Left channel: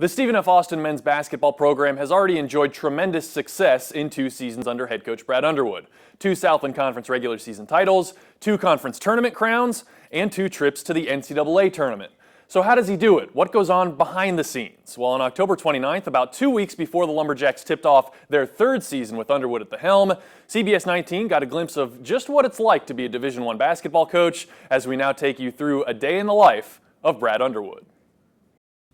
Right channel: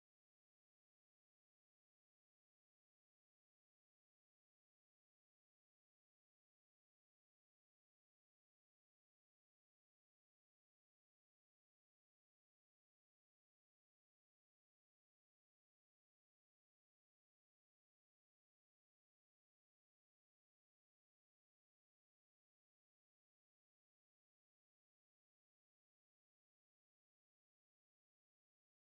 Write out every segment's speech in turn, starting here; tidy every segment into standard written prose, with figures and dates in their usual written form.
The Stephen F. Austin men's basketball program has already enjoyed tremendous success in 2 seasons under head coach Brad Underwood. 2 Southland Conference regular season titles, 2 conference tournament crowns, and 2 trips to the NCAA tournament. So how does he do it? What goes on behind the scenes? Well, on October 29th, about 2 weeks before the Lumberjacks tipped off their 3rd season with Underwood at the helm, CBS 19 got a glimpse of just what it's like to be a Division I basketball coach as we now take you through a day in the life of Brad Underwood.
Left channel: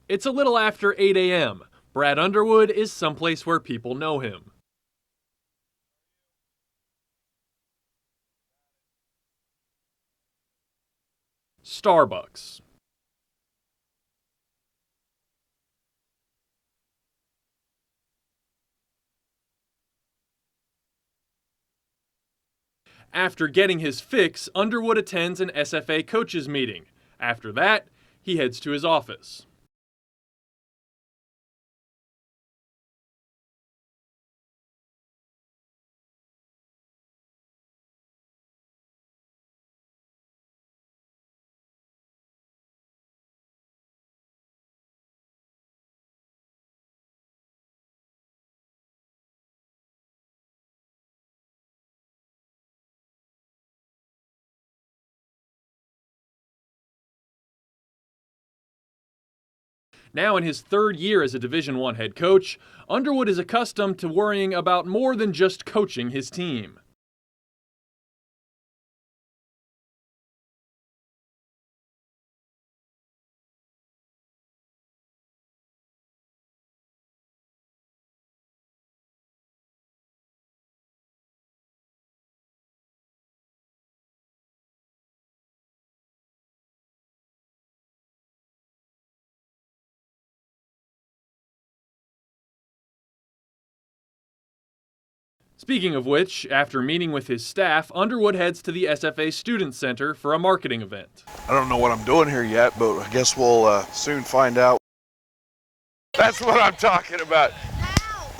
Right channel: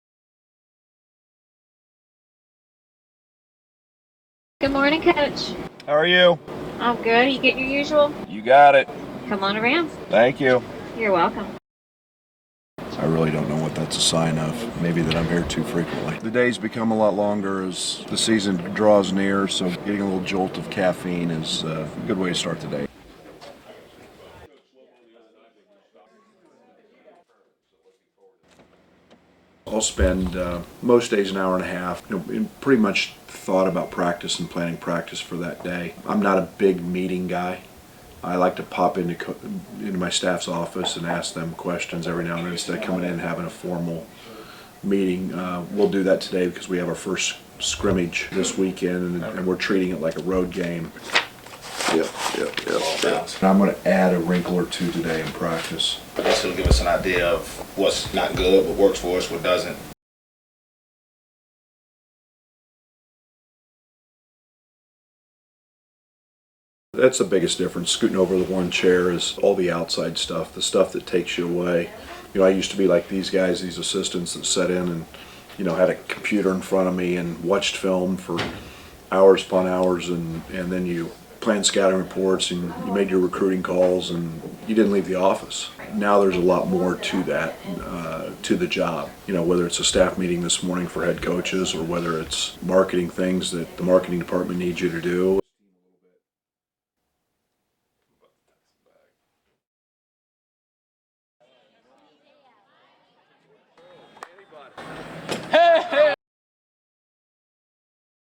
It's a little after 8 a.m. Brad Underwood is someplace where people know him. Good morning, Coach. How are you? I'm good. You get your usual? You got it. Come on around. Thank you. You're welcome. Starbucks. I really don't know what that's a sign of. Maybe that I'm here too frequently. The days become a lot longer as the season draws near, so getting a little jolt of caffeine is a good way to start the day. After getting his fix, Underwood attends an SFA coaches meeting. After that, he heads to his office. I'll spend most days an hour and a half, pretty much thought about practice and planning practice for that day. I'm not a big meeting guy. I like to pop into my staff's office and ask them questions every now and then instead of coming in and having a formal meeting. We'll do that today because we have our first scrimmage this weekend and we're treating it like a road game. Yep. And I'm going to add a wrinkle or two today in practice. I guess it'll give us an idea of what's not good, what works for us, what doesn't. Now in his 3rd year as a Division I head coach, Underwood is accustomed to worrying about more than just coaching his team. That's the biggest difference. Scooting over the one chair is all the outside stuff, the stuff that takes you away. I used to be like these guys, these assistants that sat in and, had a computer in front of me and watched film for hours upon hours, and then you planned scouting reports and you made your recruiting calls and you didn't leave the office. Now there's a lot more to that, to the job. Whether it's a staff meeting this morning for head coaches or whether it's marketing things that the marketing department needs you to do. Speaking of which, after meeting with his staff, Underwood heads to the SFA Student Center for a marketing event. I don't know what I'm doing here yet, but I guess we'll soon find out. That's what I'm talking about.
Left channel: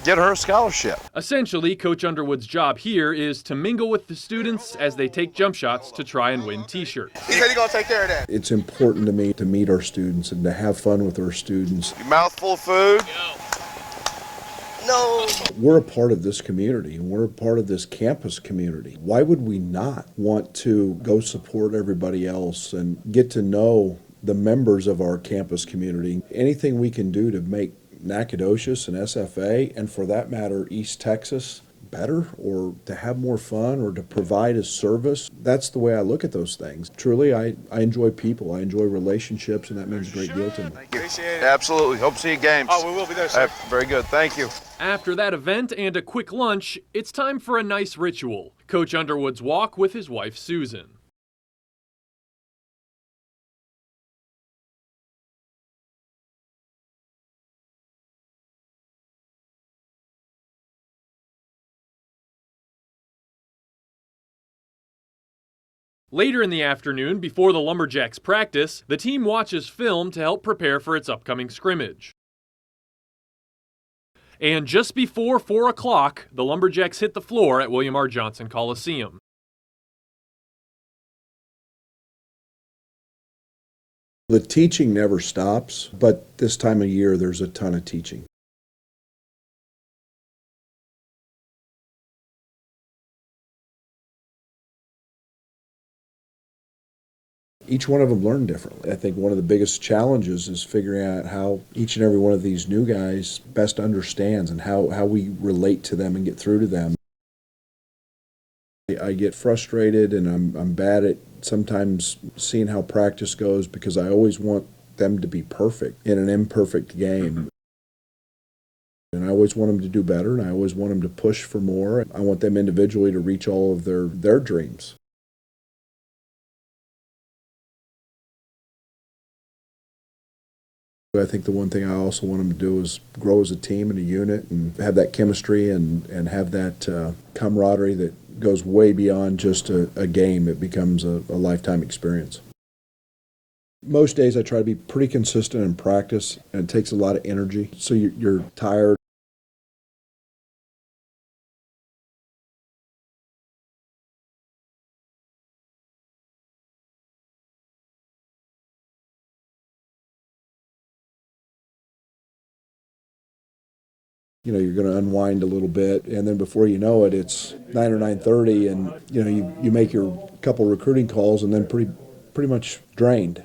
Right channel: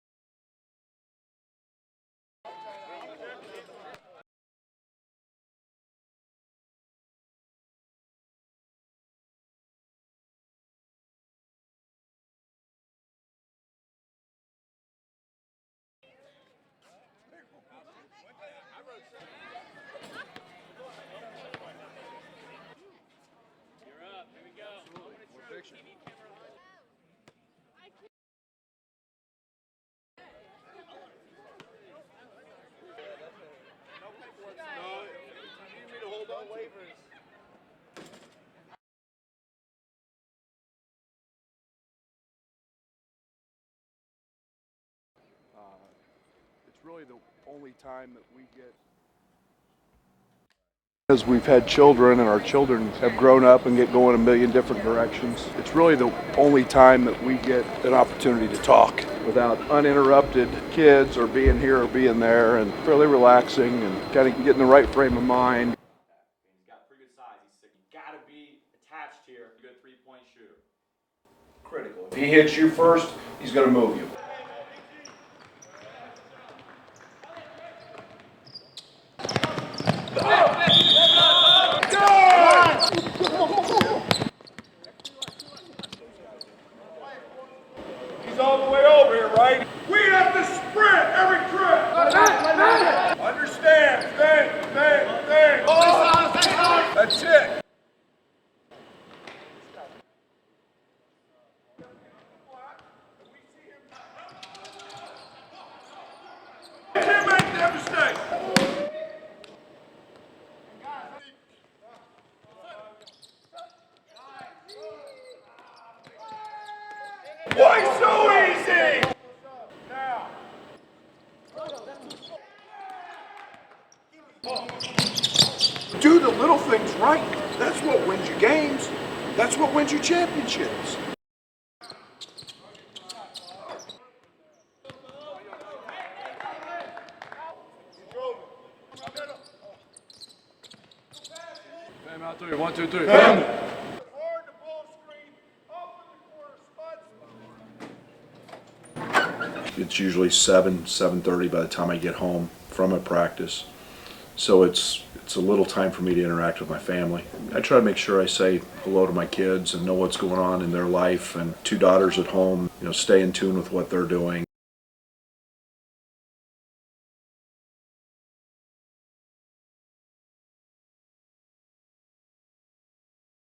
Get her a scholarship. Essentially, Coach Underwood's job here is to mingle with the students as they take jump shots to try and win t-shirts. He said he's gonna take care of that. It's important to me to meet our students and to have fun with our students. Your mouth full of food? No. We're a part of this community and we're a part of this campus community. Why would we not want to go support everybody else and get to know the members of our campus community? Anything we can do to make Nacogdoches and SFA, and for that matter, East Texas, better, or to have more fun, or to provide a service. That's the way I look at those things. Truly, I enjoy people. I enjoy relationships, and that means a great deal to me. Appreciate it. Absolutely. Hope to see you games. Oh, we will be there, sir. Very good. Thank you. After that event and a quick lunch, it's time for a nice ritual. Coach Underwood's walk with his wife, Susan. As we've had children and our children have grown up and get going a million different directions, it's really the only time that we get an opportunity to talk without uninterrupted kids or being here or being there, and fairly relaxing and kind of getting the right frame of mind. Later in the afternoon, before the Lumberjacks practice, the team watches film to help prepare for its upcoming scrimmage. If he hits you first, he's going to move you. And just before 4 o'clock, the Lumberjacks hit the floor at William R. Johnson Coliseum. The teaching never stops, but this time of year there's a ton of teaching. He's all the way over here, right? We have to sprint every trip. Understand? Think. That's it. Each one of them learn differently. I think one of the biggest challenges is figuring out how each and every one of these new guys best understands and how we relate to them and get through to them. I get frustrated and I'm bad at sometimes seeing how practice goes because I always want them to be perfect in an imperfect game. Why so easy? And I always want them to do better, and I always want them to push for more. I want them individually to reach all of their dreams. Do the little things right. That's what wins you games. That's what wins you championships. I think the one thing I also want them to do is grow as a team and a unit and have that chemistry and have that camaraderie that goes way beyond just a game. It becomes a lifetime experience. 1, 2, 3. Most days I try to be pretty consistent in practice, and it takes a lot of energy, so you're tired. It's usually 7:30 by the time I get home from a practice. So it's a little time for me to interact with my family. I try to make sure I say hello to my kids and know what's going on in their life, and 2 daughters at home, stay in tune with what they're doing. You're going to unwind a little bit, and then before you know it, it's 9 or 9:30, and you make your couple recruiting calls and then pretty much drained.